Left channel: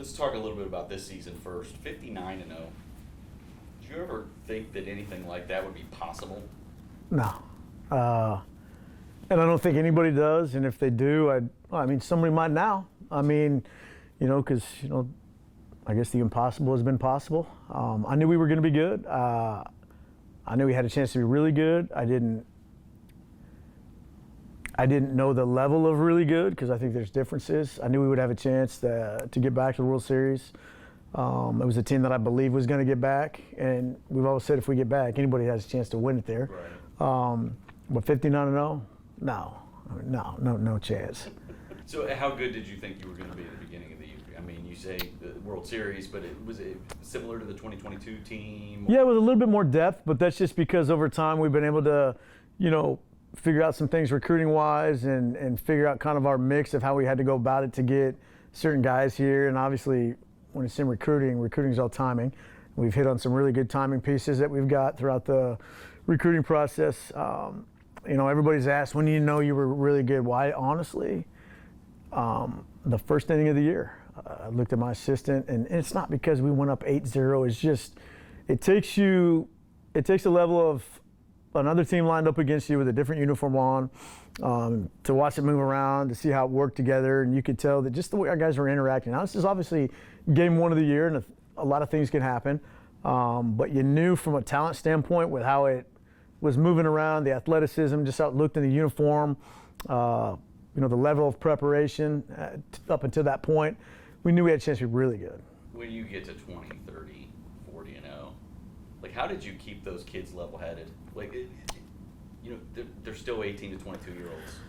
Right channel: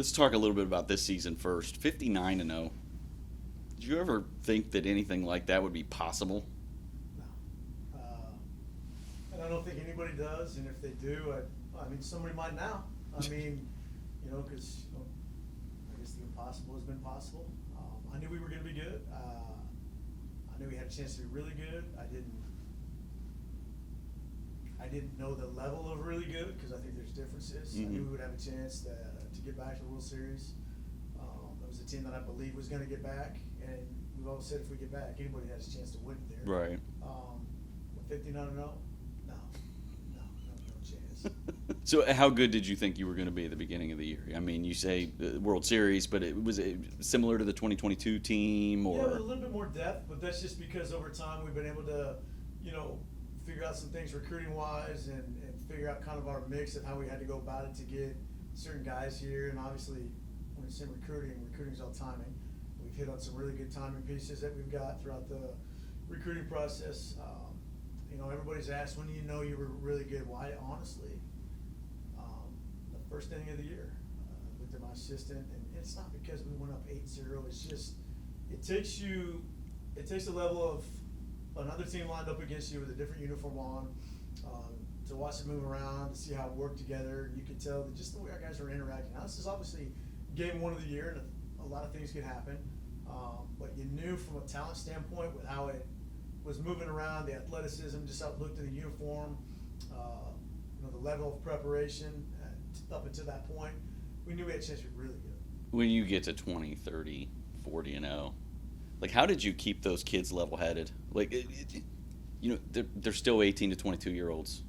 Let's talk a little bit about this season first. 59-0. Did you ever think that anything like that would be possible? No. And I don't think anybody does. And if they do, somebody might now. Because, I guess the impossible has been possible. I knew we were going to be good. I knew we had a chance to be really good. I didn't know the level of really good because I think there's differences. I knew we would have a chance to get back to the World Series. It was a team that I believe was going to get back, and we've always said if we get back, anybody has a chance to win it there. Right. But 59-0, no chance. So how good did you think you were going to be at the beginning of the year? I mean, you say the World Series, but was it similar to the 2022 team? Or? Yeah, with a little bit more depth, but that's just because over time we've been able to, figure out some things recruiting-wise and figure out kind of our mix of how we had to go about it to get certain guys here. And obviously, when it's in recruiting is all timing. We've hit on some really good timing pieces that we've got throughout the recruiting process. Everybody's asked, when do you know you were really good? Why? Honestly, the first inning of the year. I looked at my assistant, and it's not because we went up 8-0. It's just, it takes a level of another team lined up against you with a different uniform on, to watch it move around, to see how it worked together, and you could tell that just the way our guys were interacting. Now, this is obviously game one of the year, and a lot of things can happen, but you knew from a talent standpoint with how it was moving around, the athleticism, just how it looked in the uniform, the level of preparation up until that point, we knew we had a chance to be really good. When you get to 20, 30, 40-0, like, how did you keep those kids level-headed? Like, they're still 18 to 22-year-olds.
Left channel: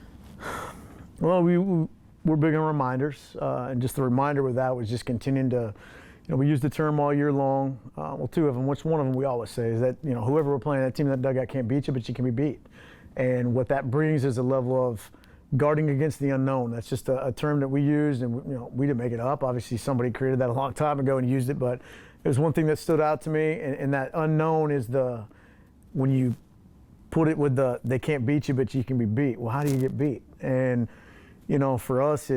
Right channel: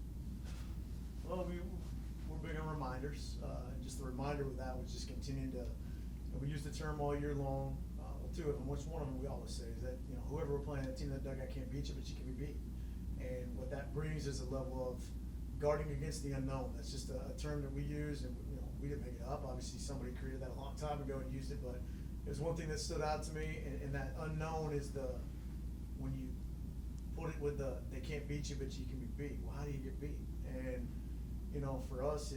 Well, we're big on reminders, and just the reminder with that was just continuing to, we use the term all year long. Well, two of them, which one of them we always say is that, whoever we're playing, that team in that dugout can't beat you, but you can be beat. And what that brings is a level of guarding against the unknown. That's just a term that we used, and we didn't make it up. Obviously, somebody created that a long time ago and used it, but it was one thing that stood out to me, and that unknown is when you put it with they can't beat you, but you can be beat. Well, how do you get beat? And, for us,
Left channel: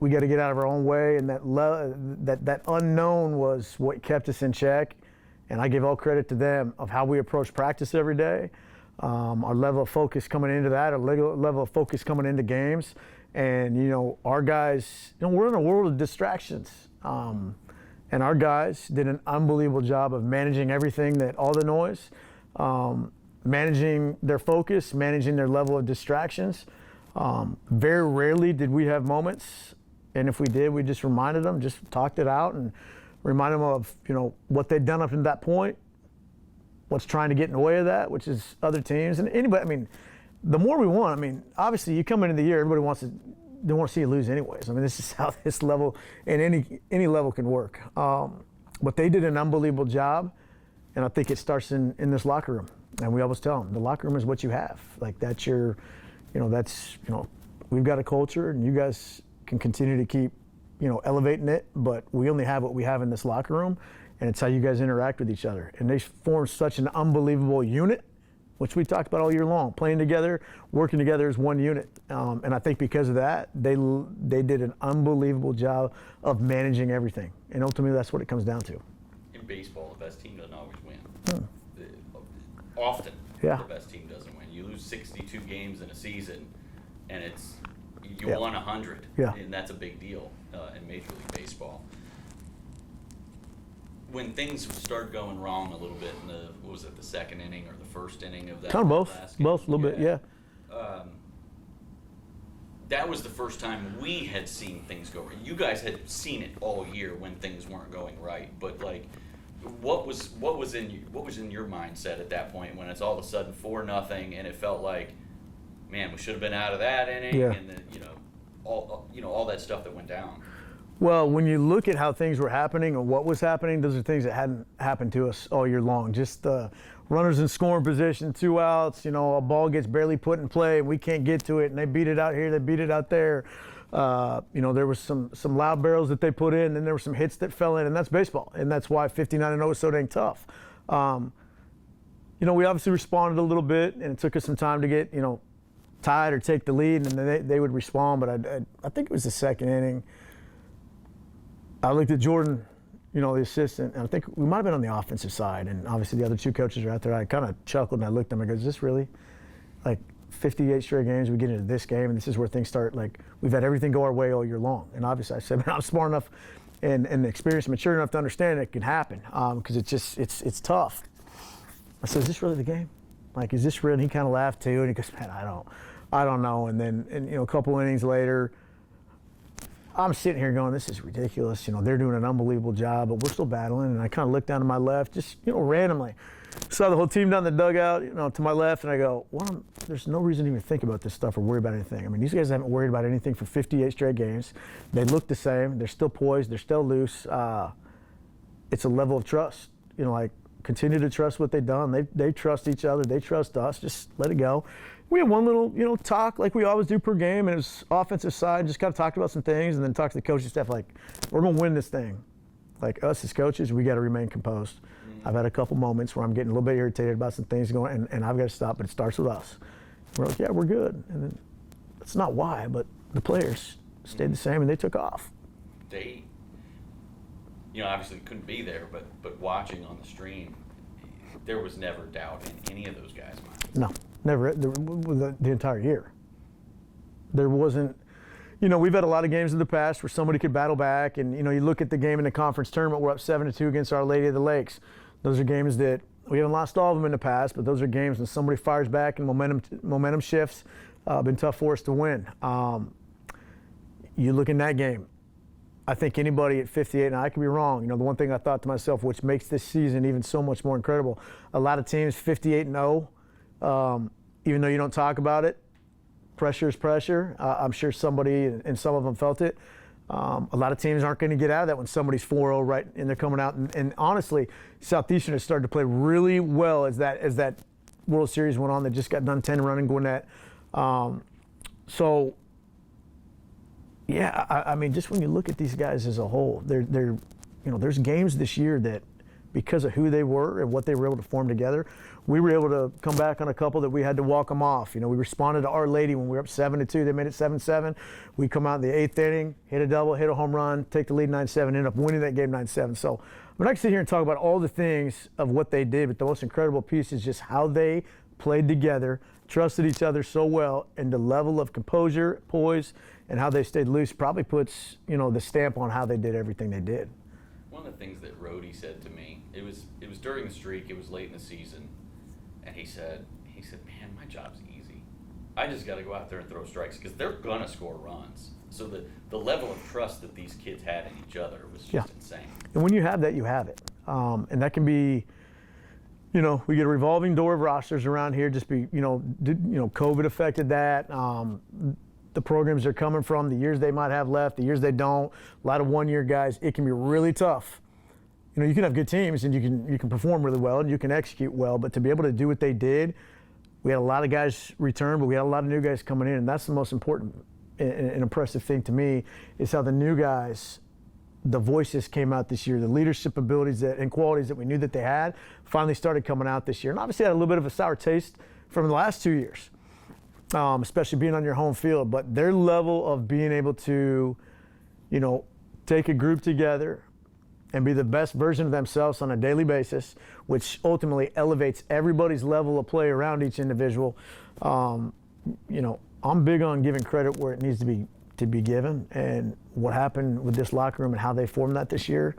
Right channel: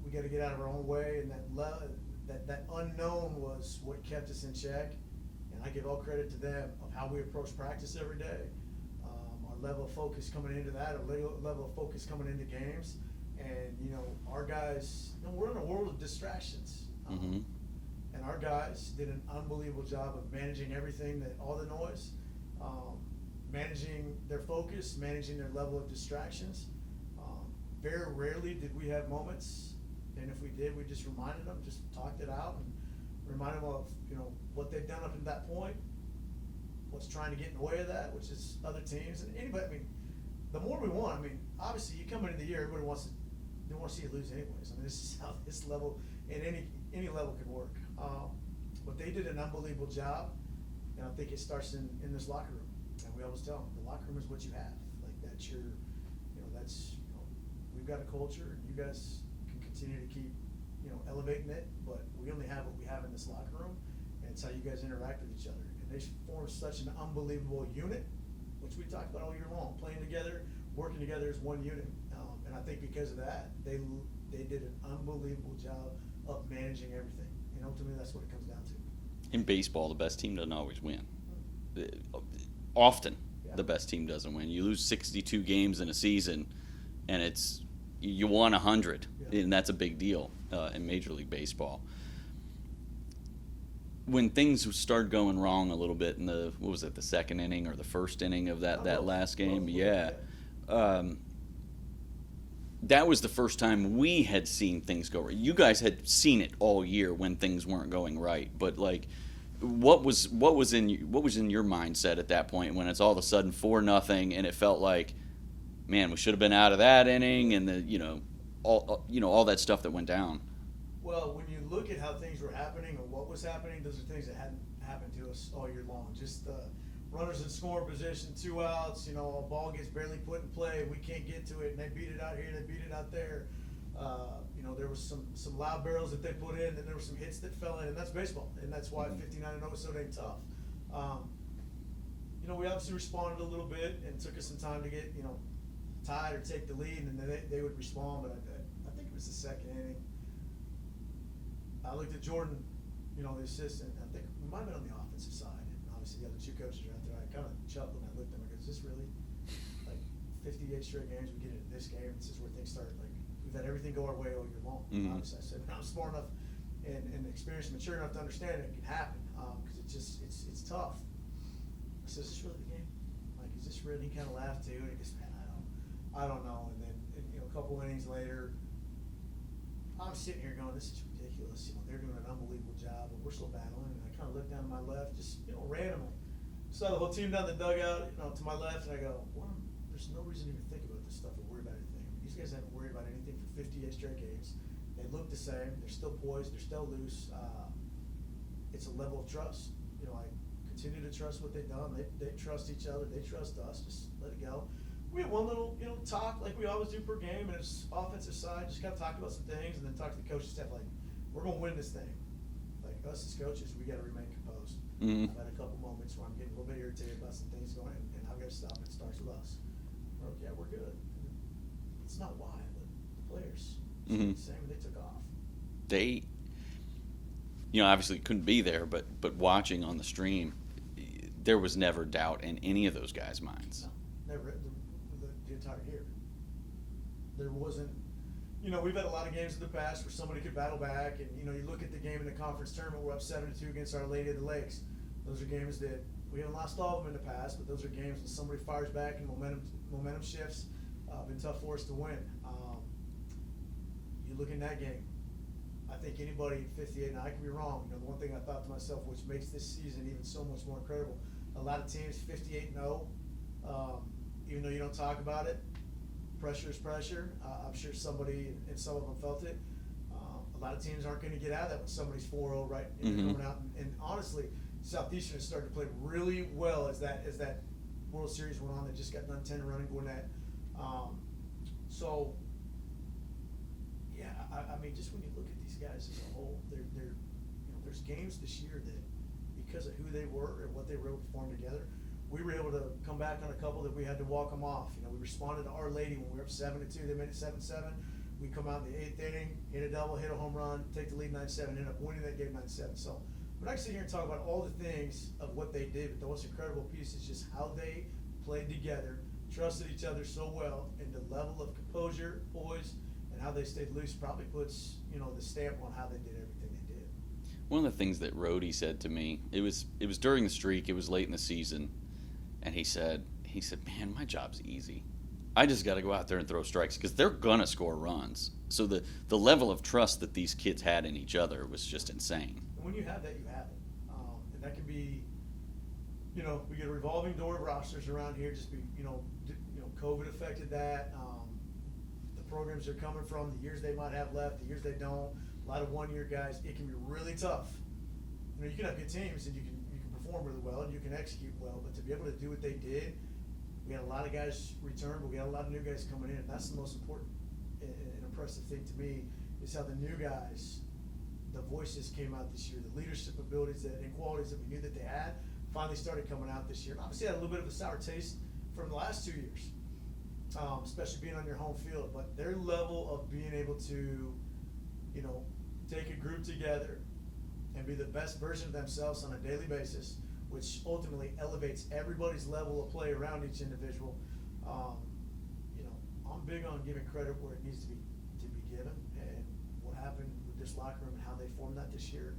we got to get out of our own way, and that unknown was what kept us in check. And I give all credit to them of how we approach practice every day, our level of focus coming into that, our level of focus coming into games. And, our guys, we're in a world of distractions. And our guys did an unbelievable job of managing everything, all the noise, managing their focus, managing their level of distractions. Very rarely did we have moments, and if we did, we just reminded them, just talked it out, and reminded them of what they'd done up to that point, what's trying to get in the way of that, which is other teams and anybody. The more we won, obviously you come into the year, everybody they want to see you lose anyways. This is how this level and any level can work. But they did an unbelievable job, and I think it starts in this locker room. And we always tell them, the locker room is what you have. Like, that's we've got a culture, and you guys can continue to keep, elevating it, but we only have what we have in this locker room, and it's how you guys interact with each other. And they form such an unbelievable unit, which we talked about all year long, playing together, working together as one unit. And I think because of that, they did an unbelievable job of managing everything. And ultimately, that's what it comes down to. In baseball, the best team doesn't always win. Often, yeah. The best team doesn't win. You lose 62 games in a season, and you won 100, yeah. And that's a big deal in Major League Baseball. When things started going wrong a little bit in the second inning or the first inning of that last game? Both, a little bit, yeah. That was the first time we had seen things go right. You guys had seen it all year when things weren't going right, but what was in your mindset at that point when it's all of a sudden 4-0 and it felt like, man, we should have been out of that inning, yeah. And all that stuff that went down. Well, when you look at how things were happening or what was happening, those are things that hadn't happened to us all year long. Just runners in scoring position, 2 outs, a ball gets barely put in play, and we can't get to it, and they beat it out here, they beat it out there. There was some loud barrels that they put in, and there were some hits that fell in, and that's baseball, and that's why 59-0 is so dang tough. We obviously responded a little bit, and it took us some time to get, tied or take the lead, and then they would respond, but I think it was the second inning. I looked at Jordan, the assistant, and I think we might have been on the offensive side, and obviously the other two coaches are out there. I kind of chuckled and I looked at them and I go, is this really like 58 straight games we get into this game and this is where things start? Like, we've had everything go our way all year long. And obviously I said, man, I'm smart enough and experienced, mature enough to understand it can happen, because it's tough. I said, is this really the game? Like, is this real? And he kind of laughed too, and he goes, man, I don't know. And then, a couple innings later, I'm sitting here going, this is ridiculous. They're doing an unbelievable job, but we're still battling. And I kind of look down to my left, just, randomly. Saw the whole team down the dugout, to my left, and I go, well, there's no reason to even think about this stuff or worry about anything. I mean, these guys haven't worried about anything for 58 straight games. They look the same. They're still poised. They're still loose. It's a level of trust. Like, continue to trust what they've done. They trust each other. They trust us. Just let it go. We had one little, talk like we always do per game, and it was offensive side, just kind of talked about some things, and then talked to the coaching staff like, we're going to win this thing. Like, us as coaches, we got to remain composed. I've had a couple moments where I'm getting a little bit irritated about some things going, and I've got to stop, but it starts with us. We're like, yeah, we're good. And then that's not why, but the players stayed the same, and they took off. They, obviously couldn't be there, but watching on the stream, there was never doubt in any of those guys' minds. No, never. The entire year. There wasn't. We've had a lot of games in the past where somebody could battle back, and you look at the game in the conference tournament, we're up 7-2 against Our Lady of the Lakes. Those are games that we haven't lost all of them in the past, but those are games when somebody fires back and momentum shifts. Been tough for us to win. You look in that game, I think anybody at 58, and I could be wrong. The one thing I thought to myself, which makes this season even so much more incredible, a lot of teams 58-0, even though you don't talk about it. Pressure is pressure. I'm sure somebody, and some of them felt it. A lot of teams aren't going to get out of that when somebody's 4-0, right, and they're coming out. And honestly, Southeastern has started to play really well as that World Series went on. They just got done 10 running Gwinnett. So, yeah, I mean, just when you look at these guys as a whole, there's games this year that, because of who they were and what they were able to form together, we were able to come back on a couple that we had to walk them off. We responded to Our Lady when we were up 7-2. They made it 7-7. We come out in the 8th inning, hit a double, hit a home run, take the lead 9-7, end up winning that game 9-7. So I'm not going to sit here and talk about all the things of what they did, but the most incredible piece is just how they played together, trusted each other so well, and the level of composure, poise, and how they stayed loose probably puts, the stamp on how they did everything they did. One of the things that Rhodey said to me, it was during the streak, it was late in the season, and he said, man, my job's easy. I just got to go out there and throw strikes because they're going to score runs. So the level of trust that these kids had in each other was just insane. And when you have that, you have it. And that can be, we get a revolving door of rosters around here. Just be, COVID affected that. The programs they're coming from, the years they might have left, the years they don't, a lot of one-year guys, it can be really tough. You can have good teams and you can perform really well and you can execute well, but to be able to do what they did, we had a lot of guys return, but we had a lot of new guys coming in, and that's the most important and impressive thing to me is how the new guys, the voices came out this year, the leadership abilities and qualities that we knew that they had finally started coming out this year. And obviously had a little bit of a sour taste from the last 2 years. Especially being on your home field, but their level of being able to, take a group together and be the best version of themselves on a daily basis, which ultimately elevates everybody's level of play around each individual. I'm big on giving credit where it needs to be given, and what happened with this locker room and how they formed that this year,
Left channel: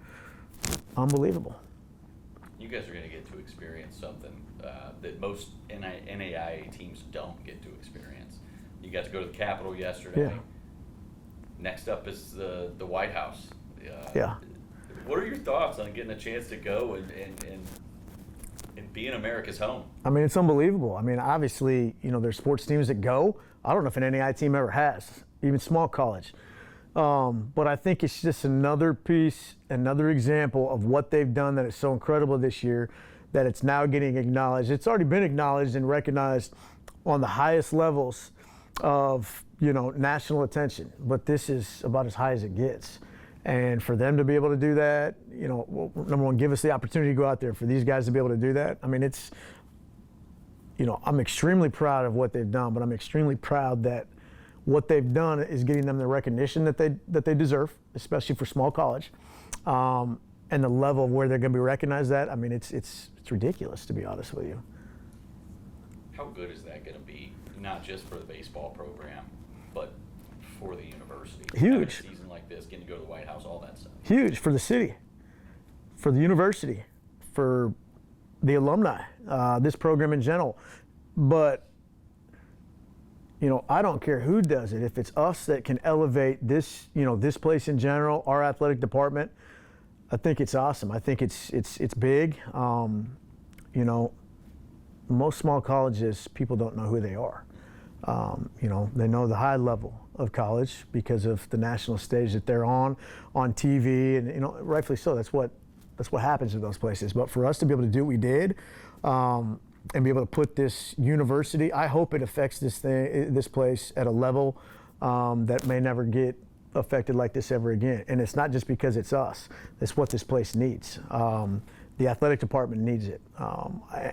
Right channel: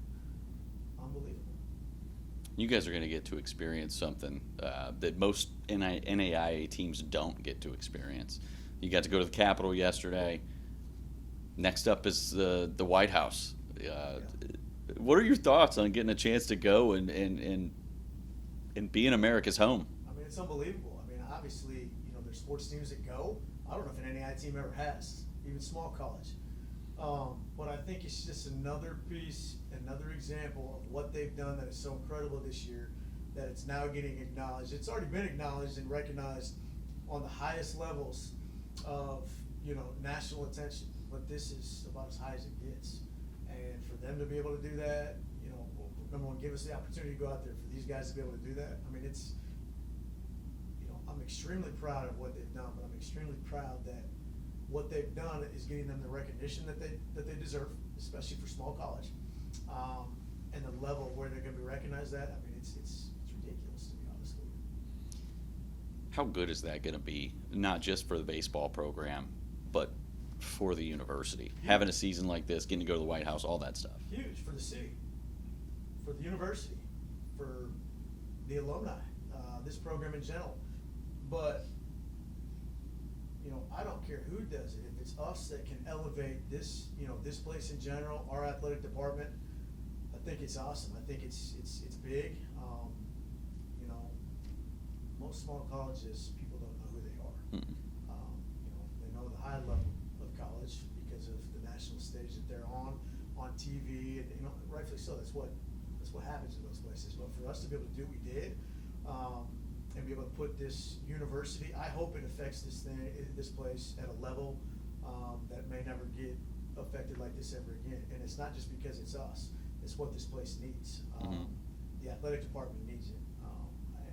unbelievable. You guys are going to get to experience something that most NAIA teams don't get to experience. You got to go to the Capitol yesterday. Yeah. Next up is the White House. Yeah. What are your thoughts on getting a chance to go and be in America's home? I mean, it's unbelievable. I mean, obviously, there's sports teams that go. I don't know if an NAIA team ever has, even small college. But I think it's just another piece, another example of what they've done that is so incredible this year that it's now getting acknowledged. It's already been acknowledged and recognized on the highest levels of, national attention. But this is about as high as it gets. And for them to be able to do that, number one, give us the opportunity to go out there. For these guys to be able to do that, I mean, it's, I'm extremely proud of what they've done, but I'm extremely proud that what they've done is getting them the recognition that they deserve, especially for small college. and the level of where they're going to be recognized at, I mean, it's ridiculous, to be honest with you. How good is that going to be, not just for the baseball program, but for the university? Huge. Having a season like this, getting to go to the White House, all that stuff. Huge for the city, for the university, for the alumni, this program in general. But, you know, I don't care who does it. If it's us that can elevate this, you know, this place in general, our athletic department, I think it's awesome. I think it's big. You know, most small colleges, people don't know who they are. You know, they know the high level of college because of the national stage that they're on TV, and, you know, rightfully so. That's what happens in those places. But for us to be able to do what we did, and be able to put this university, I hope it affects this place at a level that may never get affected like this ever again. And it's not just because it's us. It's what this place needs. The athletic department needs it.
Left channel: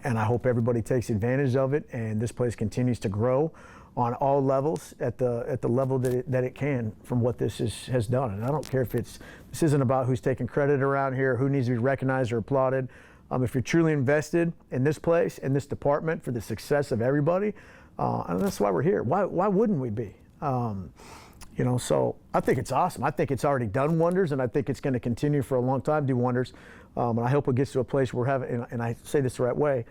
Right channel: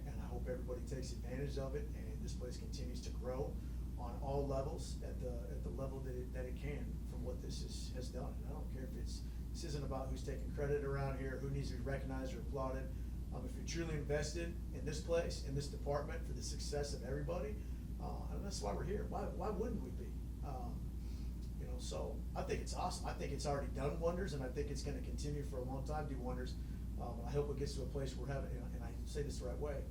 And I hope everybody takes advantage of it, and this place continues to grow on all levels at the level that it can from what this has done. And I don't care if this isn't about who's taking credit around here, who needs to be recognized or applauded. If you're truly invested in this place and this department for the success of everybody, and that's why we're here. Why wouldn't we be? You know, so I think it's awesome. I think it's already done wonders, and I think it's going to continue for a long time, do wonders. And I hope it gets to a place where we're having, and I say this the right way,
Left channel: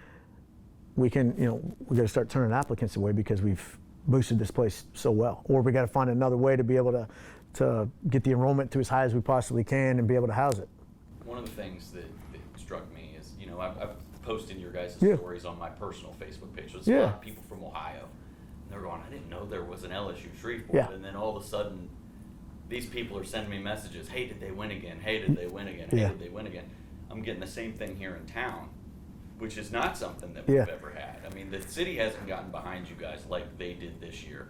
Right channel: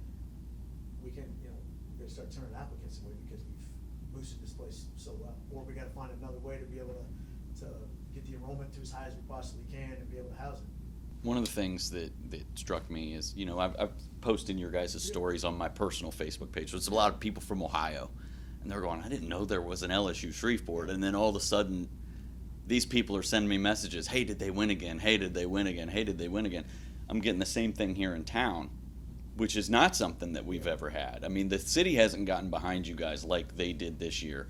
we can, you know, we got to start turning applicants away because we've boosted this place so well, or we got to find another way to be able to get the enrollment to as high as we possibly can and be able to house it. One of the things that struck me is, you know, I've posted your guys' Yeah. stories on my personal Facebook page. So it's Yeah. a lot of people from Ohio, and they're going, I didn't know there was an LSU Shreveport. Yeah. And then all of a sudden, these people are sending me messages, hey, did they win again? Hey, did they win again? Hey, Yeah. did they win again? I'm getting the same thing here in town, which is not something that we've Yeah. ever had. I mean, the city hasn't gotten behind you guys like they did this year,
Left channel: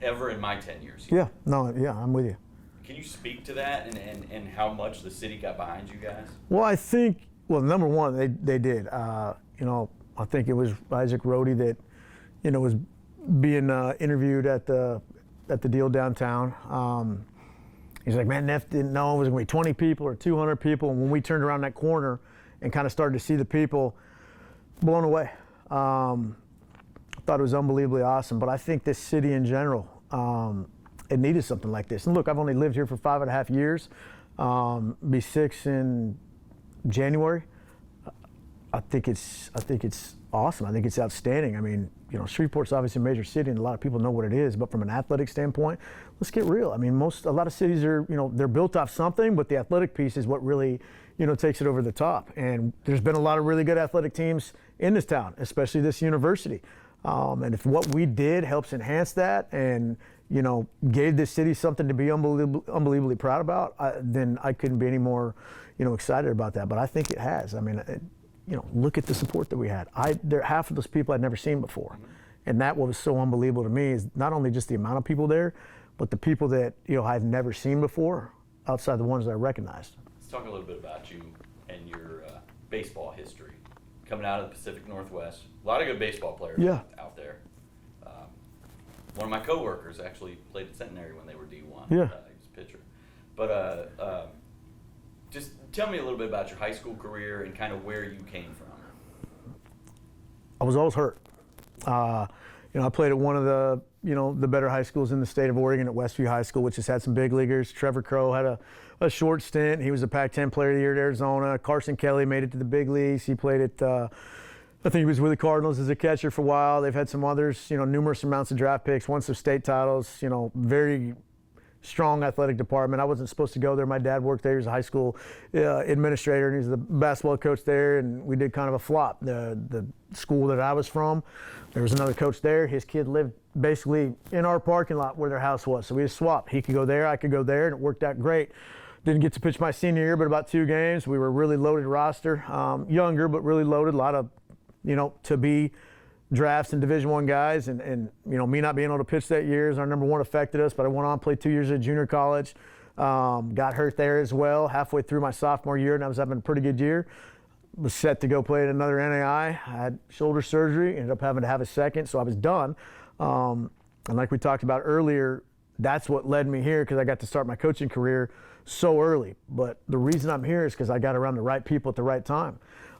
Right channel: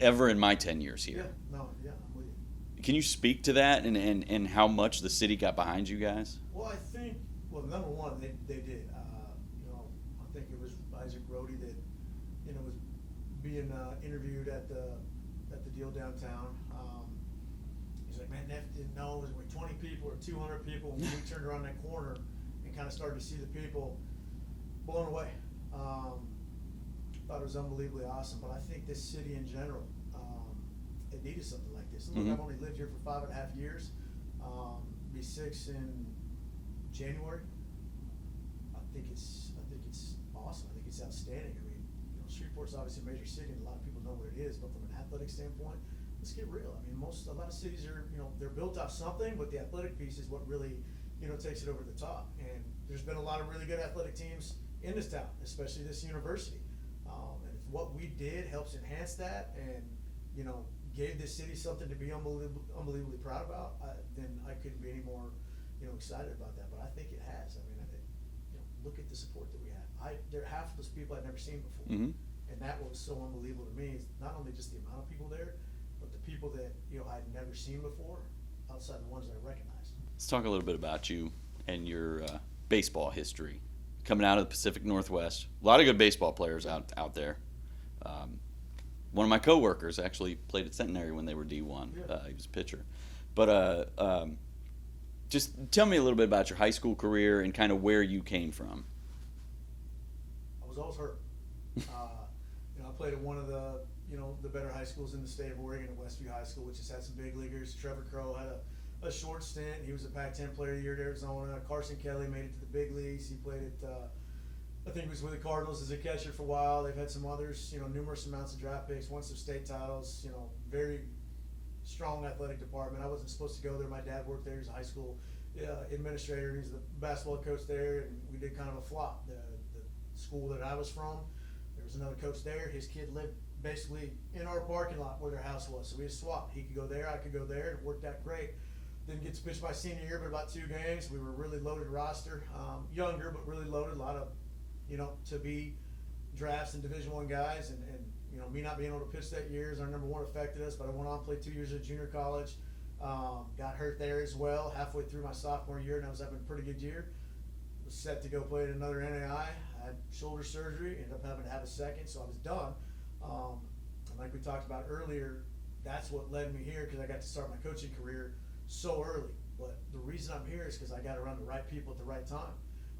ever in my 10 years here. Yeah, no, yeah, I'm with you. Can you speak to that and how much the city got behind you guys? Well, I think, number one, they did. You know, I think it was Isaac Rohde that, you know, was being interviewed at the deal downtown. He's like, man, Neff didn't know it was going to be 20 people or 200 people. And when we turned around that corner and kind of started to see the people, blown away. Thought it was unbelievably awesome. But I think this city in general, it needed something like this. And look, I've only lived here for 5.5 years. Be 6 in January. I think it's awesome. I think it's outstanding. I mean, you know, Shreveport's obviously a major city, and a lot of people know what it is. But from an athletic standpoint, let's get real. I mean, a lot of cities are, you know, they're built off something, but the athletic piece is what really, you know, takes it over the top. And there's been a lot of really good athletic teams in this town, especially this university. And if what we did helps enhance that, and, you know, gave this city something to be unbelievably proud about, then I couldn't be any more, you know, excited about that. But I think it has. I mean, you know, look at the support that we had. Half of those people I'd never seen before. And that was so unbelievable to me, is not only just the amount of people there, but the people that, you know, I've never seen before outside the ones that I recognized. Let's talk a little bit about you and your baseball history. Coming out of the Pacific Northwest, a lot of good baseball players out there. One of my coworkers actually played at Centenary when they were D1. Yeah. He was a pitcher. But just tell me a little bit about your high school career and kind of where you came from. I was always hurt. You know, I played at one of the, you know, the better high schools in the state of Oregon, at Westview High School, which has had some big leaguers. Trevor Crow had a short stint. He was a Pac-10 Player of the Year at Arizona. Carson Kelly made it to the big leagues. He played at, I think he was with the Cardinals as a catcher for a while. They've had some others, you know, numerous amounts of draft picks, won some state titles, you know, very strong athletic department. I wasn't supposed to go there. My dad worked there. He was a high school administrator, and he was the basketball coach there, and we did kind of a flop. The school that I was from, there was another coach there. His kid lived basically in our parking lot where their house was, so we just swapped. He could go there, I could go there, and it worked out great. Didn't get to pitch my senior year, but about 2 games. We were a really loaded roster, younger but really loaded. A lot of, you know, to be drafts and Division I guys, and you know, me not being able to pitch that year as our number one affected us. But I went on, played 2 years at junior college, got hurt there as well halfway through my sophomore year, and I was having a pretty good year. Was set to go play at another NAI. I had shoulder surgery, ended up having to have a second, so I was done. And like we talked about earlier, that's what led me here, because I got to start my coaching career so early. But the reason I'm here is because I got around the right people at the right time.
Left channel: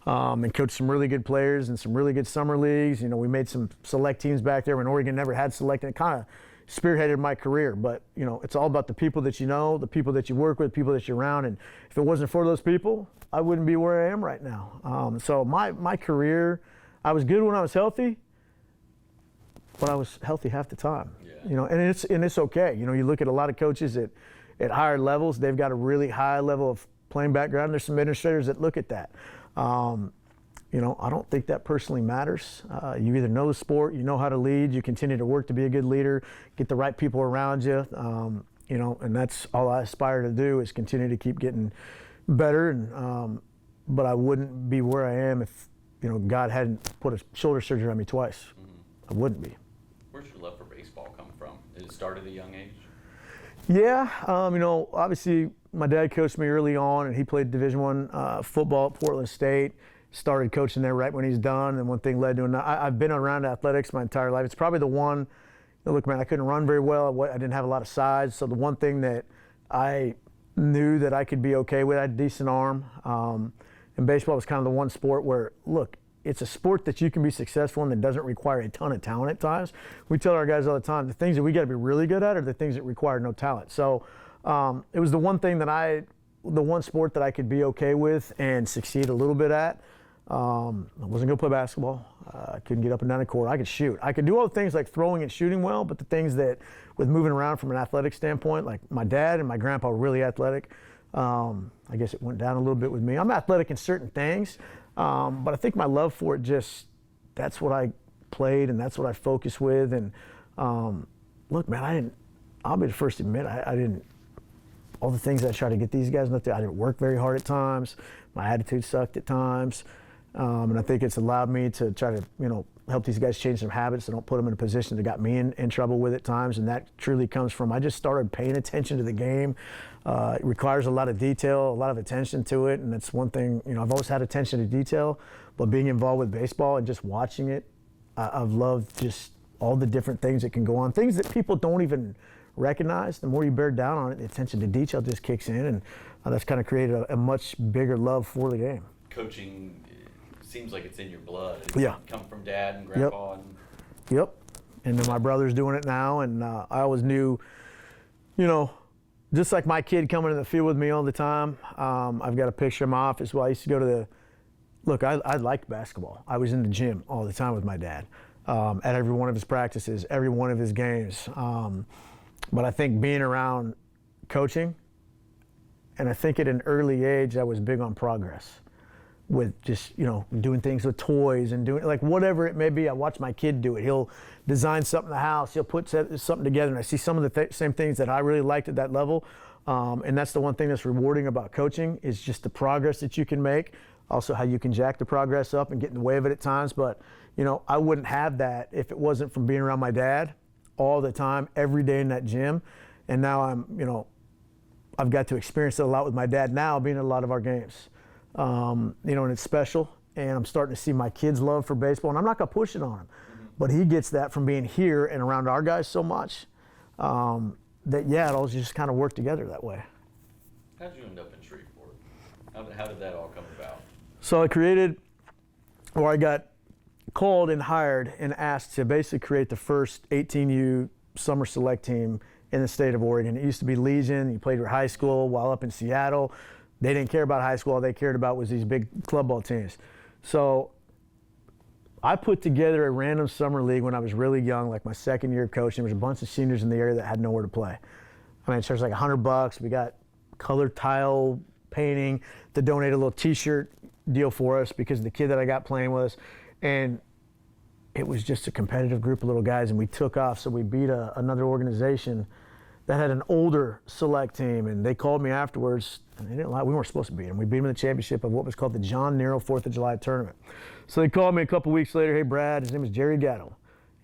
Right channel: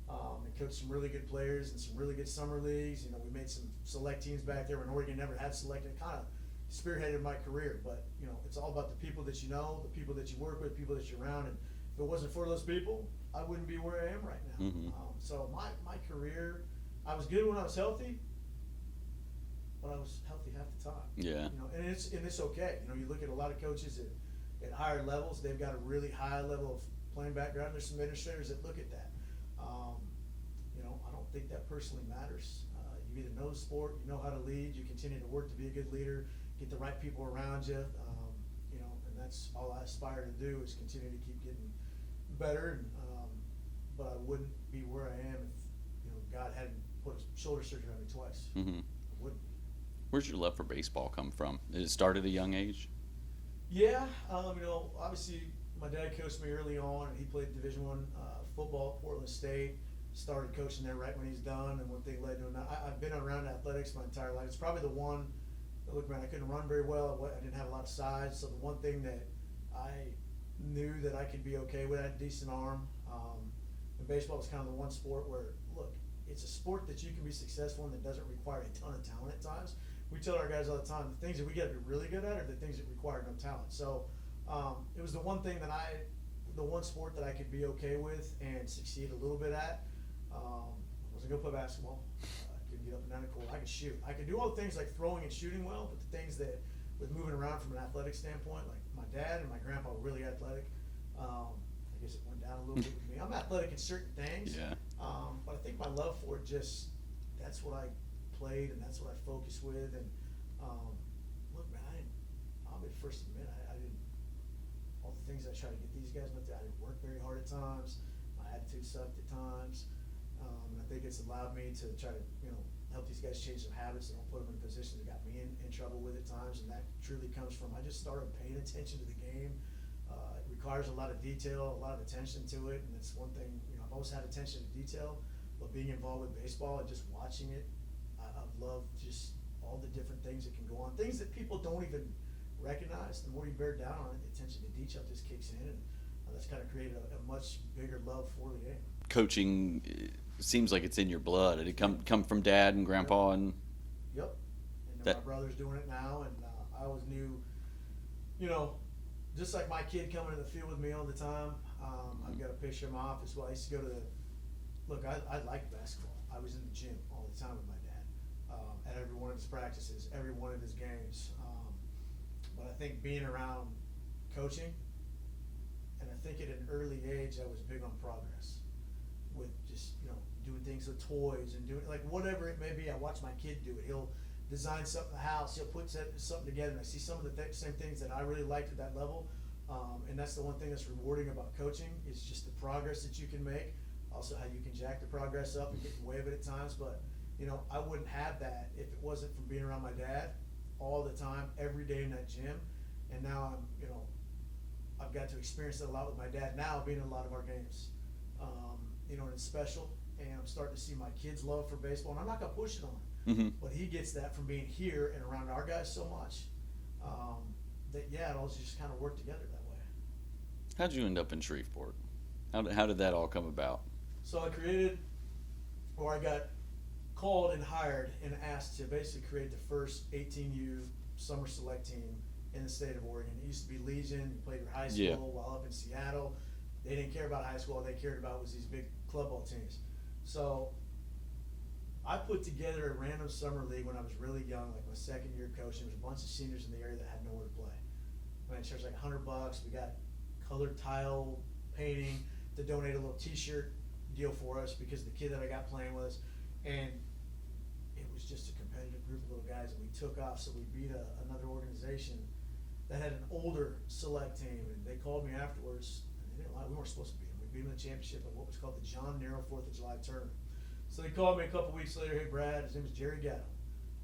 And coached some really good players and some really good summer leagues. You know, we made some select teams back there when Oregon never had select, and it kind of spearheaded my career. But, you know, it's all about the people that you know, the people that you work with, people that you're around. And if it wasn't for those people, I wouldn't be where I am right now. So my career, I was good when I was healthy, but I was healthy half the time. Yeah. You know, and it's okay. You know, you look at a lot of coaches at higher levels, they've got a really high level of playing background. There's some administrators that look at that. You know, I don't think that personally matters. You either know the sport, you know how to lead, you continue to work to be a good leader, get the right people around you, you know, and that's all I aspire to do is continue to keep getting better. And but I wouldn't be where I am if, you know, God hadn't put a shoulder surgery on me twice. I wouldn't be. Where's your love for baseball come from? Did it start at a young age? Yeah, you know, obviously my dad coached me early on, and he played Division I football at Portland State. Started coaching there right when he's done, and one thing led to another. I've been around athletics my entire life. It's probably the one. You know, look, man, I couldn't run very well. I didn't have a lot of size, so the one thing that I knew that I could be okay with, I had a decent arm. And baseball was kind of the one sport where, look, it's a sport that you can be successful in that doesn't require a ton of talent at times. We tell our guys all the time, the things that we got to be really good at are the things that require no talent. So it was the one thing that the one sport that I could be okay with and succeed a little bit at. I wasn't going to play basketball. I couldn't get up and down the court. I could shoot. I could do all the things like throwing and shooting well, but the things that, with moving around from an athletic standpoint, like my dad and my grandpa were really athletic. I guess it went down a little bit with me. I'm athletic in certain things, but I think my love for it that's what I played and that's what I focused with. And look, man, I'll be the first to admit, I didn't, all the things I tried to get these guys, I didn't work very hard at times. My attitude sucked at times. And I think it's allowed me to try to, you know, help these guys change some habits and don't put them in a position that got me in trouble with at times. And that truly comes from, I just started paying attention to the game. It requires a lot of detail, a lot of attention to it. And that's one thing, you know, I've always had attention to detail, but being involved with baseball and just watching it, I've loved just all the different things that can go on, things that people don't even recognize. The more you bear down on it, the attention to detail just kicks in. And that's kind of created a much bigger love for the game. Coaching seems like it's in your blood. It come from dad and grandpa. And and then my brother's doing it now, and I always knew, you know, just like my kid coming in the field with me all the time. I've got a picture in my office. Well, I used to go to I liked basketball. I was in the gym all the time with my dad, at every one of his practices, every one of his games. But I think being around coaching, and I think at an early age I was big on progress, with just, you know, doing things with toys and doing like whatever it may be. I watch my kid do it. He'll design something in the house. He'll put something together, and I see some of the same things that I really liked at that level. And that's the one thing that's rewarding about coaching is just the progress that you can make. Also, how you can jack the progress up and get in the way of it at times. But, you know, I wouldn't have that if it wasn't from being around my dad all the time, every day in that gym. And now I'm, you know, I've got to experience it a lot with my dad now, being in a lot of our games. You know, and it's special. And I'm starting to see my kids' love for baseball. And I'm not going to push it on him. But he gets that from being here and around our guys so much that, yeah, it all just kind of worked together that way. How did you end up in Shreveport? How did that all come about? So I got called and hired and asked to basically create the first 18U summer select team in the state of Oregon. It used to be Legion. You played for high school while up in Seattle. They didn't care about high school. All they cared about was these big club ball teams. So I put together a random summer league when I was really young, like my second year of coaching. There was a bunch of seniors in the area that had nowhere to play. I mean, it charged like $100. We got colored tile painting to donate a little T-shirt deal for us because of the kid that I got playing with us. And it was just a competitive group of little guys, and we took off. So we beat another organization that had an older select team, and they called me afterwards, and they didn't lie, we weren't supposed to beat them. We beat them in the championship of what was called the John Nero 4th of July tournament. So they called me a couple weeks later, hey Brad, his name is Jerry Gatto.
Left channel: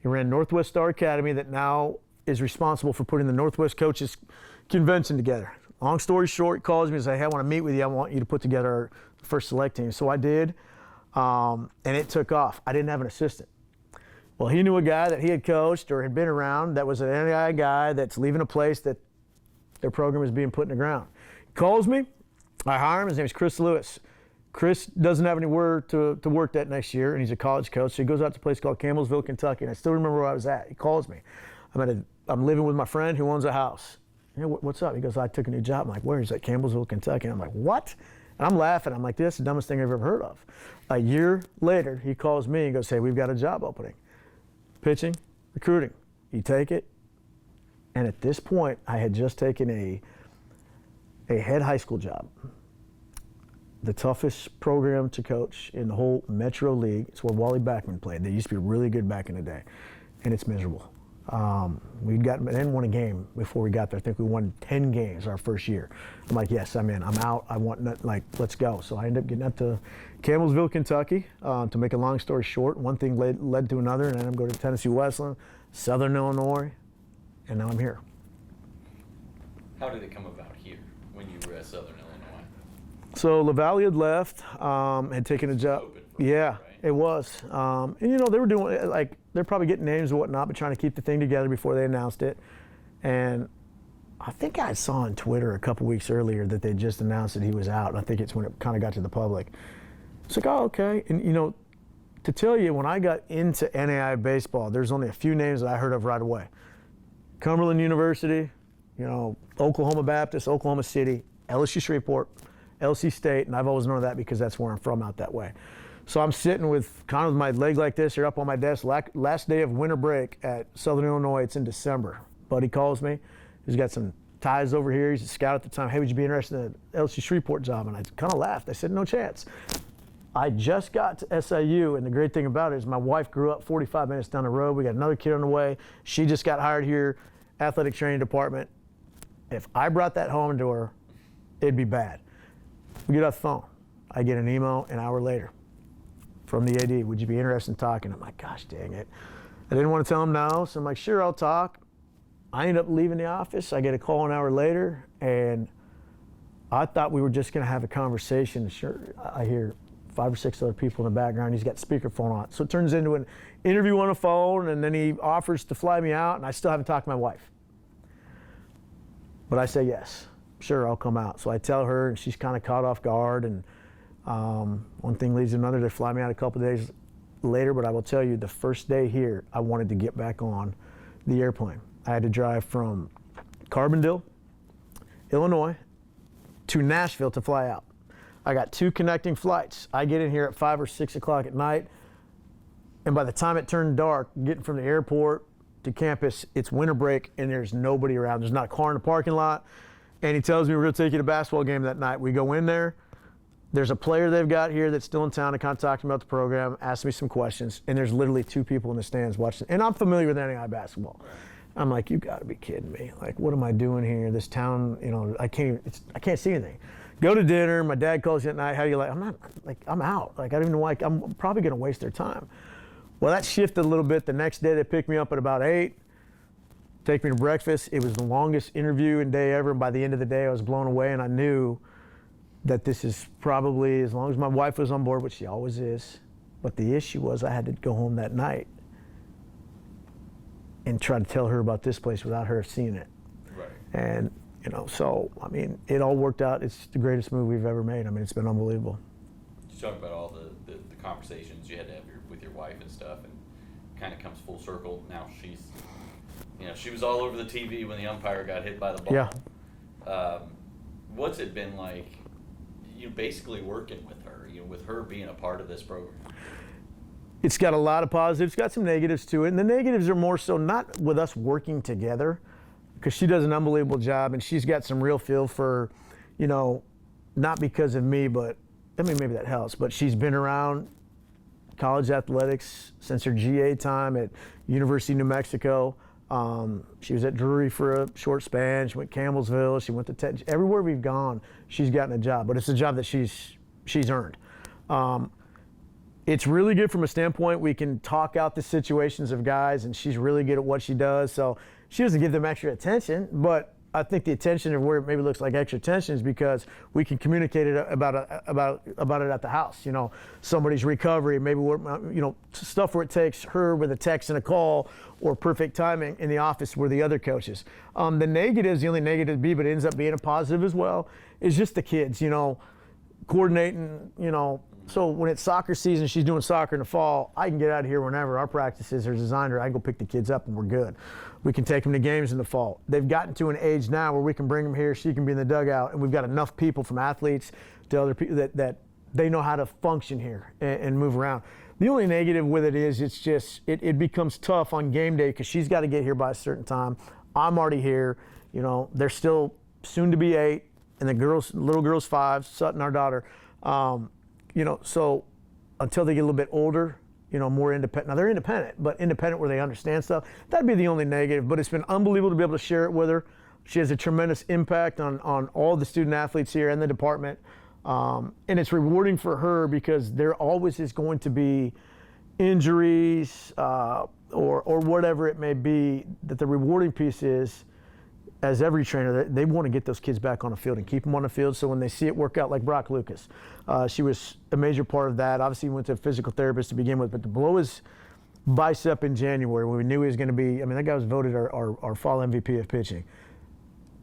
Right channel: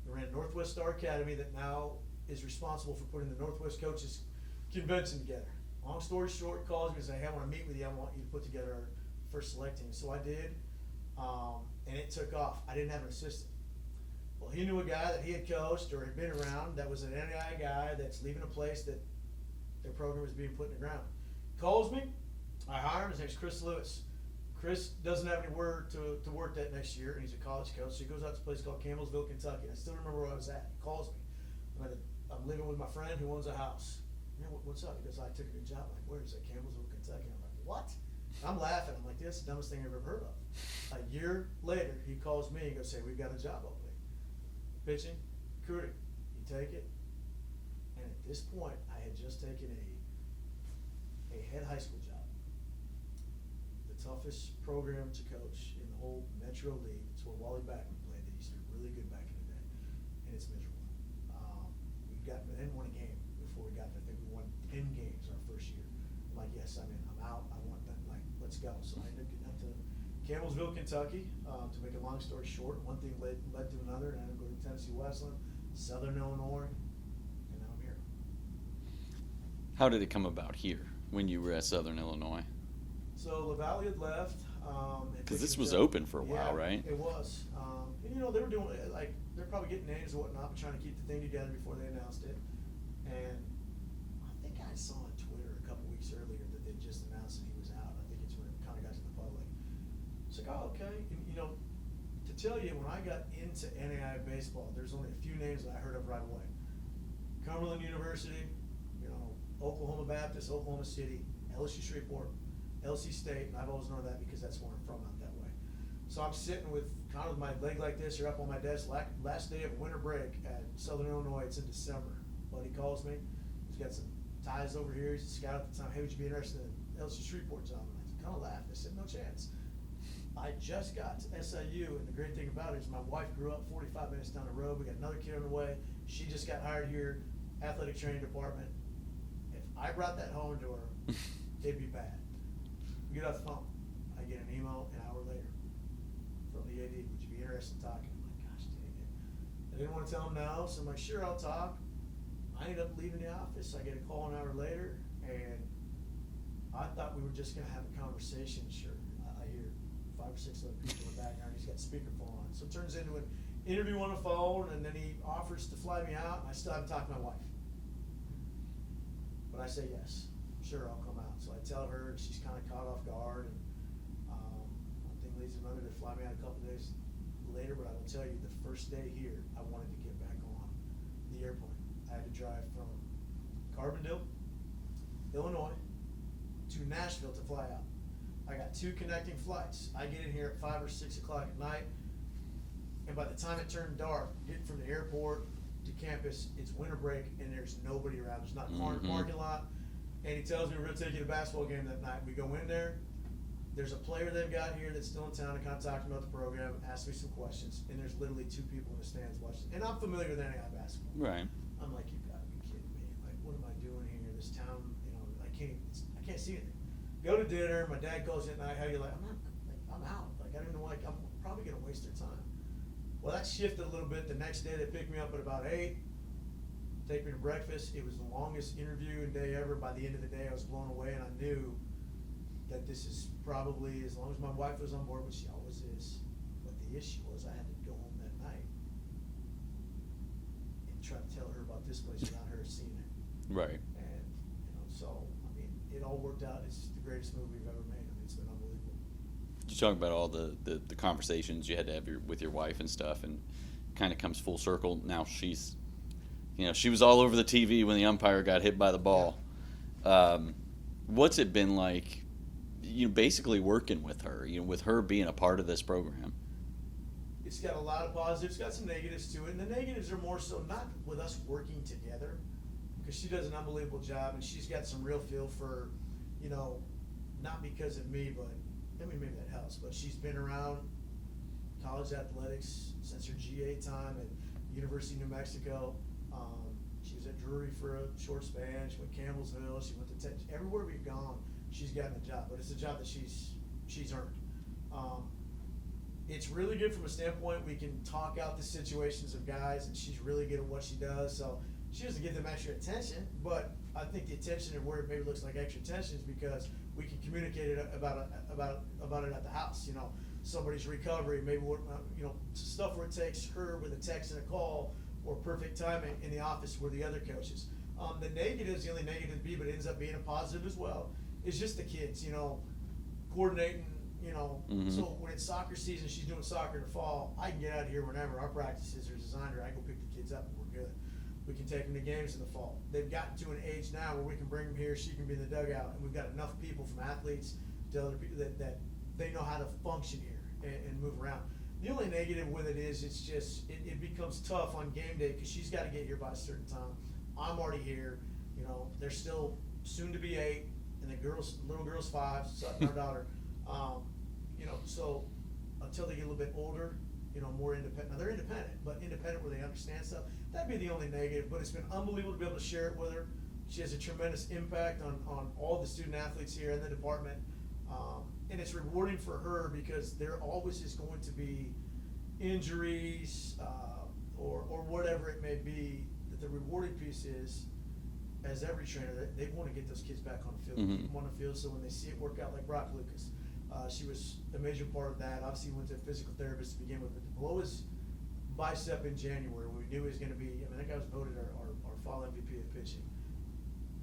He ran Northwest Star Academy that now is responsible for putting the Northwest Coaches Convention together. Long story short, he calls me and says, hey, I want to meet with you. I want you to put together our first select team. So I did, and it took off. I didn't have an assistant. Well, he knew a guy that he had coached or had been around that was an NAI guy that's leaving a place that their program is being put in the ground. He Calls me. I hire him. His name's Chris Lewis. Chris doesn't have anywhere to work that next year, and he's a college coach. So he goes out to a place called Campbellsville, Kentucky, and I still remember where I was at. He calls me. I'm living with my friend who owns a house. You know, what's up? He goes, I took a new job. I'm like, where? He's like, Campbellsville, Kentucky. And I'm like, what? And I'm laughing. I'm like, that's the dumbest thing I've ever heard of. A year later, he calls me and goes, hey, we've got a job opening. Pitching, recruiting. You take it. And at this point, I had just taken a head high school job. The toughest program to coach in the whole Metro League. It's where Wally Backman played. They used to be really good back in the day. And it's miserable. We didn't win a game before we got there. I think we won 10 games our first year. I'm like, yes, I'm in. I'm out. I want, let's go. So I ended up getting up to Campbellsville, Kentucky. To make a long story short, one thing led to another, and then I'm going to Tennessee Wesleyan, Southern Illinois, and now I'm here. How did it come about here when you were at Southern Illinois? So LaValle had left, had taken a job. This was open for a while, right? It was. And they were doing, they're probably getting names and whatnot, but trying to keep the thing together before they announced it. And I think I saw on Twitter a couple weeks earlier that they just announced that he was out. And I think it's when it kind of got to the public. It's like, oh, okay. And, to tell you, when I got into NAI baseball, there's only a few names that I heard of right away. Cumberland University, Oklahoma Baptist, Oklahoma City, LSU Shreveport, LC State, and I've always known that because that's where I'm from out that way. So I'm sitting with kind of my leg like this here up on my desk, last day of winter break at Southern Illinois. It's in December. Buddy calls me. He's got some ties over here. He's a scout at the time. Hey, would you be interested in the LSU Shreveport job? And I kind of laughed. I said, no chance. I just got to SIU, and the great thing about it is my wife grew up 45 minutes down the road. We got another kid on the way. She just got hired here, athletic training department. If I brought that home to her, it'd be bad. We get off the phone. I get an email an hour later from the AD. Would you be interested in talking? I'm like, gosh dang it. I didn't want to tell him no, so I'm like, sure, I'll talk. I end up leaving the office. I get a call an hour later, and I thought we were just going to have a conversation. Sure, I hear 5 or 6 other people in the background. He's got speakerphone on. So it turns into an interview on the phone, and then he offers to fly me out, and I still haven't talked to my wife. But I say yes. Sure, I'll come out. So I tell her, and she's kind of caught off guard, and one thing leads to another. They fly me out a couple of days later, but I will tell you, the first day here, I wanted to get back on the airplane. I had to drive from Carbondale, Illinois, to Nashville to fly out. I got 2 connecting flights. I get in here at 5 or 6 o'clock at night, and by the time it turned dark, getting from the airport to campus, it's winter break, and there's nobody around. There's not a car in the parking lot. And he tells me, we're going to take you to a basketball game that night. We go in there. There's a player they've got here that's still in town to kind of talk to me about the program, ask me some questions, and there's literally 2 people in the stands watching. And I'm familiar with NAI basketball. Right. I'm like, you got to be kidding me. Like, what am I doing here? This town, I can't see anything. Go to dinner. My dad calls you at night. How do you like? I'm out. Like, I don't even know why. I'm probably going to waste their time. Well, that shifted a little bit. The next day, they picked me up at about 8. Take me to breakfast. It was the longest interview and day ever. By the end of the day, I was blown away, and I knew that this is probably, as long as my wife was on board, which she always is. But the issue was I had to go home that night and try to tell her about this place without her seeing it. Right. And, so, it all worked out. It's the greatest move we've ever made. It's been unbelievable. You talk about all the conversations you had to have with your wife and stuff, and kind of comes full circle. Now she's... she was all over the TV when the umpire got hit by the ball. Yeah. What's it been like, basically working with her, with her being a part of this program? It's got a lot of positives, got some negatives to it. And the negatives are more so not with us working together, because she does an unbelievable job, and she's got some real feel for, not because of me, but, maybe that helps. But she's been around college athletics since her GA time at University of New Mexico. She was at Drury for a short span. She went to Campbellsville. She went to Tech. Everywhere we've gone, she's gotten a job. But it's a job that she's earned. It's really good from a standpoint we can talk out the situations of guys, and she's really good at what she does. So she doesn't give them extra attention, but I think the attention of where it maybe looks like extra attention is because we can communicate it about it at the house. Somebody's recovery, maybe stuff where it takes her with a text and a call, or perfect timing in the office where the other coaches. The negatives, the only negative be, but it ends up being a positive as well, is just the kids, coordinating, So when it's soccer season, she's doing soccer in the fall, I can get out of here whenever. Our practices are designed, or I can go pick the kids up and we're good. We can take them to games in the fall. They've gotten to an age now where we can bring them here, she can be in the dugout, and we've got enough people, from athletes to other people, that they know how to function here and move around. The only negative with it is it's just, it becomes tough on game day because she's got to get here by a certain time. I'm already here. They're still soon to be 8, and the little girl's 5, Sutton, our daughter. So until they get a little bit older, more independent. Now they're independent, but independent where they understand stuff. That'd be the only negative, but it's been unbelievable to be able to share it with her. She has a tremendous impact on all the student athletes here and the department. And it's rewarding for her because there always is going to be injuries or whatever it may be. That the rewarding piece is, as every trainer, they want to get those kids back on the field and keep them on the field. So when they see it work out, like Brock Lucas, she was a major part of that. Obviously, he went to a physical therapist to begin with, but to blow his bicep in January when we knew he was going to be, that guy was voted our fall MVP of pitching.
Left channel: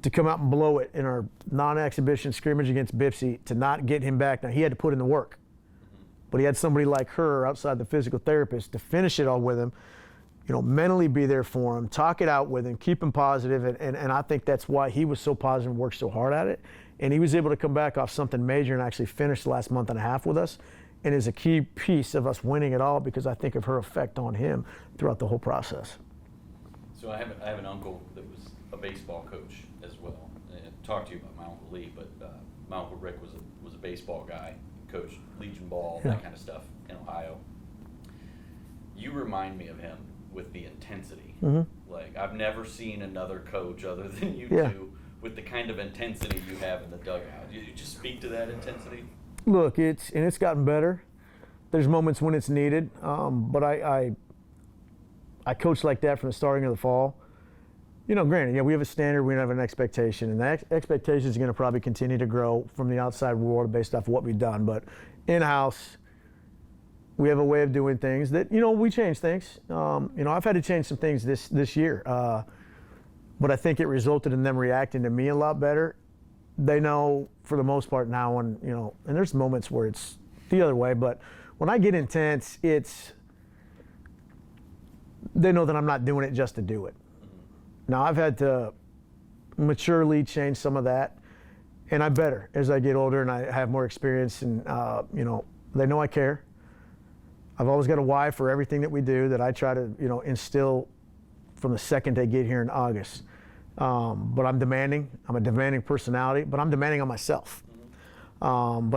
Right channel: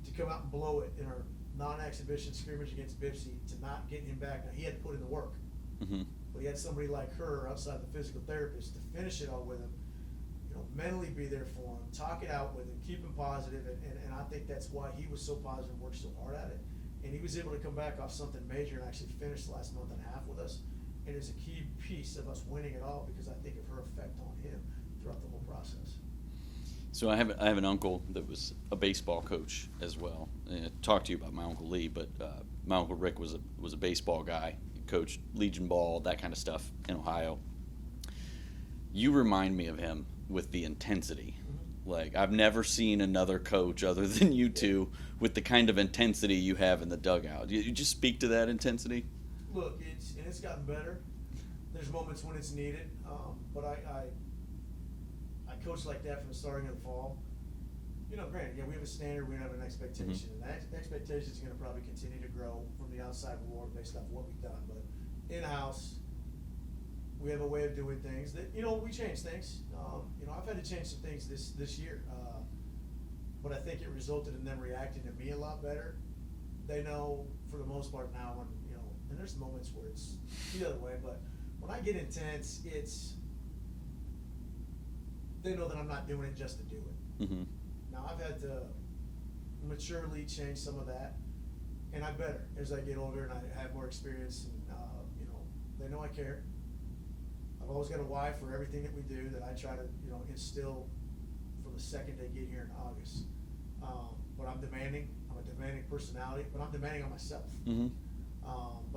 To come out and blow it in our non-exhibition scrimmage against Bipsy, to not get him back. Now, he had to put in the work. But he had somebody like her outside the physical therapist to finish it all with him, mentally be there for him, talk it out with him, keep him positive. And I think that's why he was so positive and worked so hard at it. And he was able to come back off something major and actually finish the last month and a half with us, and is a key piece of us winning it all because I think of her effect on him throughout the whole process. So I have an uncle that was a baseball coach as well. I talked to you about my Uncle Lee, but my Uncle Rick was a baseball guy, coached Legion ball, that kind of stuff in Ohio. You remind me of him with the intensity. Like, I've never seen another coach other than you two with the kind of intensity you have in the dugout. You just speak to that intensity? Look, it's gotten better. There's moments when it's needed, but I coach like that from the starting of the fall. Granted, we have a standard, we have an expectation, and that expectation is going to probably continue to grow from the outside world based off of what we've done. But in-house, we have a way of doing things that, we change things. I've had to change some things this year, but I think it resulted in them reacting to me a lot better. They know for the most part now, and there's moments where it's the other way, but when I get intense, they know that I'm not doing it just to do it. Now, I've had to maturely change some of that, and I'm better as I get older and I have more experience, and they know I care. I've always got a why for everything that we do that I try to instill from the second they get here in August. But I'm demanding. I'm a demanding personality, but I'm demanding on myself. But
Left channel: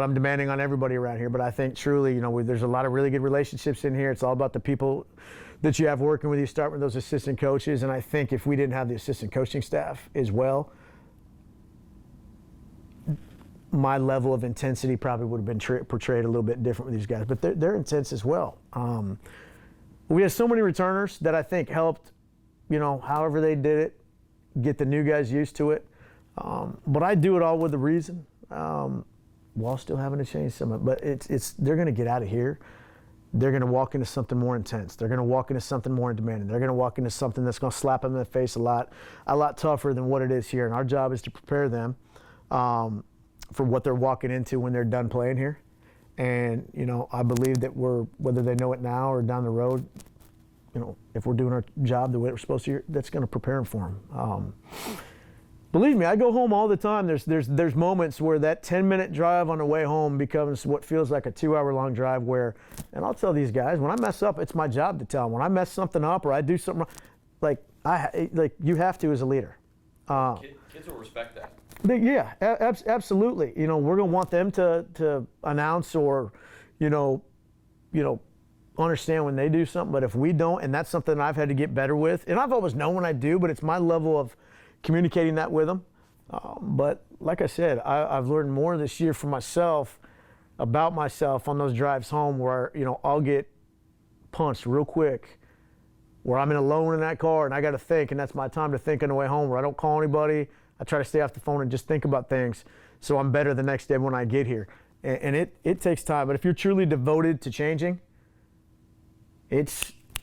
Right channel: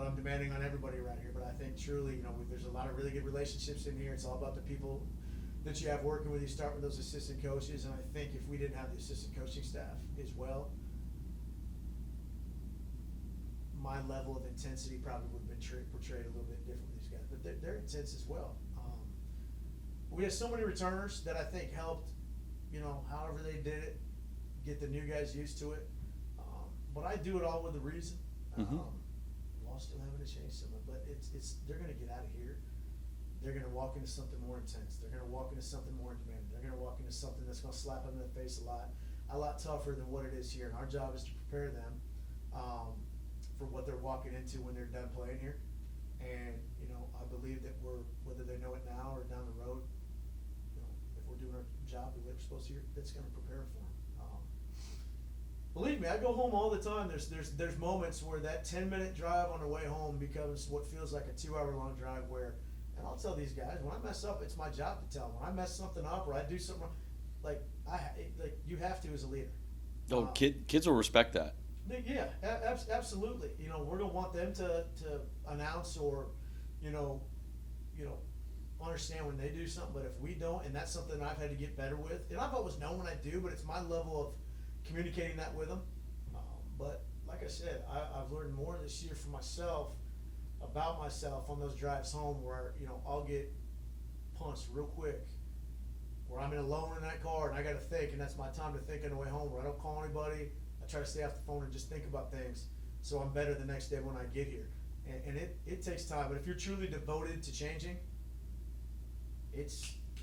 I'm demanding on everybody around here. But I think truly, there's a lot of really good relationships in here. It's all about the people that you have working with you. Start with those assistant coaches, and I think if we didn't have the assistant coaching staff as well, my level of intensity probably would have been portrayed a little bit different with these guys. But they're intense as well. We have so many returners that I think helped, however they did it, get the new guys used to it. But I do it all with a reason, while still having to change some of it. But they're going to get out of here. They're going to walk into something more intense. They're going to walk into something more demanding. They're going to walk into something that's going to slap them in the face a lot tougher than what it is here. And our job is to prepare them for what they're walking into when they're done playing here. And, I believe that whether they know it now or down the road, if we're doing our job the way we're supposed to, that's going to prepare them for them. Believe me, I go home all the time. There's moments where that 10-minute drive on the way home becomes what feels like a 2-hour-long drive where, and I'll tell these guys, when I mess up, it's my job to tell them. When I mess something up or I do something wrong, like you have to as a leader. So kids will respect that. Yeah, absolutely. We're going to want them to announce or, understand when they do something. But if we don't, and that's something I've had to get better with, and I've always known when I do, but it's my level of communicating that with them. But like I said, I've learned more this year for myself, about myself on those drives home where, I'll get punched real quick, where I'm alone in that car and I got to think, and that's my time to think on the way home, where I don't call anybody. I try to stay off the phone and just think about things so I'm better the next day when I get here. And it takes time, but if you're truly devoted to changing, it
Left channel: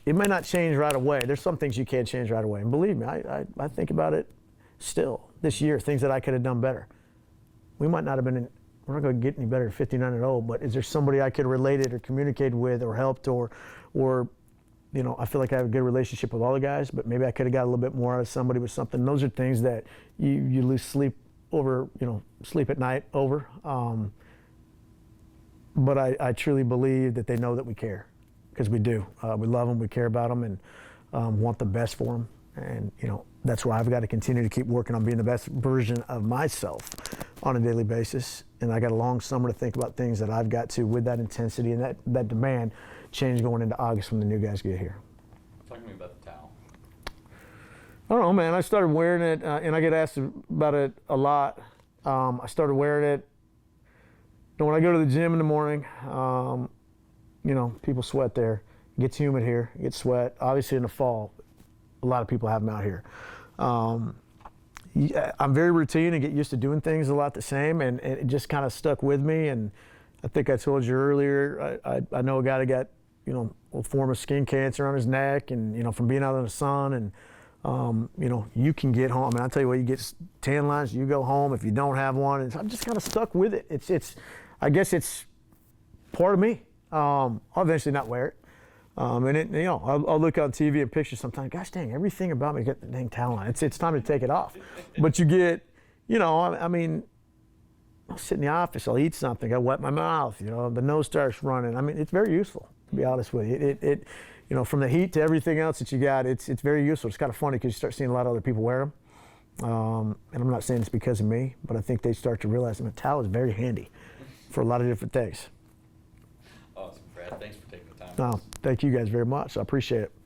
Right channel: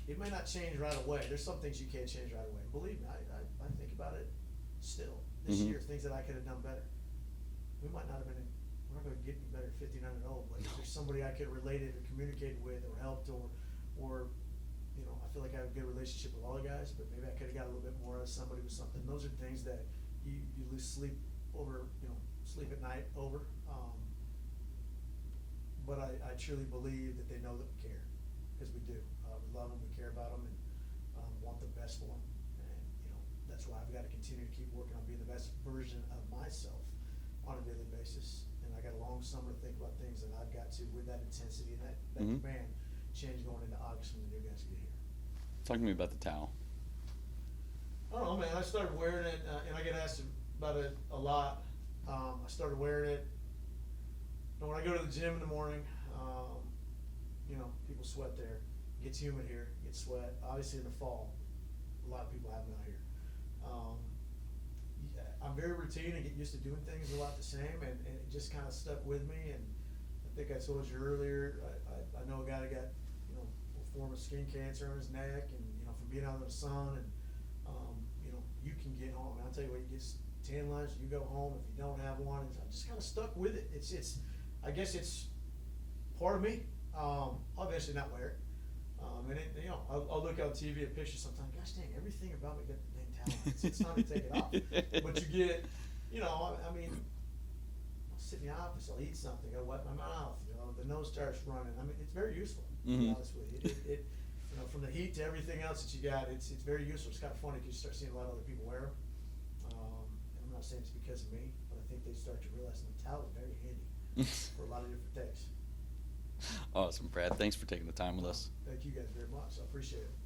may not change right away. There's some things you can't change right away. And believe me, I think about it still this year, things that I could have done better. we might not have been we're not going to get any better at 59 and 0, but is there somebody I could relate it or communicate with or helped or I feel like I have a good relationship with all the guys, but maybe I could have got a little bit more out of somebody with something. Those are things that you lose sleep over, sleep at night over. But I truly believe that they know that we care, because we do. We love them, we care about them, and want the best for them. And that's where I've got to continue to keep working on being the best version of myself on a daily basis. And I got a long summer to think about things that I've got to, with that intensity and that demand, change going into August when the new guys get here. Talk to me about the towel. I don't know, man. I started wearing it, and I get asked about it a lot. I started wearing it. When I go to the gym in the morning, people sweat there. It gets humid here. It gets sweat. Obviously, in the fall, a lot of people have them out here. I'm very routine and get used to doing things a lot the same, and it just kind of stuck with me. And I think I told you earlier, I know a guy that got, a form of skin cancer on his neck, and from being out in the sun, and you can get home. I mean, I'll tell you what, you get tan lines, you go home if you don't have one. And I'm just kind of stuck with it. I guess it's part of me. I'll eventually not wear it. I'll look on TV and pictures sometimes. Gosh dang, everything about me got the dang towel on. It's time to take it off. But you get, I'll sit in the office, I'll eat something, I'll wet my mouth, the nose starts running. I mean, it's very useful, to be honest with you. It from the heat to everything else that you got, it's very useful. It's kind of funny because you start seeing a lot of other people wear them. And I'm not saying it's because of me, but I think they start to realize that a towel is very handy for a lot of different things. Awesome, Brad. Thanks for taking the time with No, us. thank you guys very much. I appreciate it.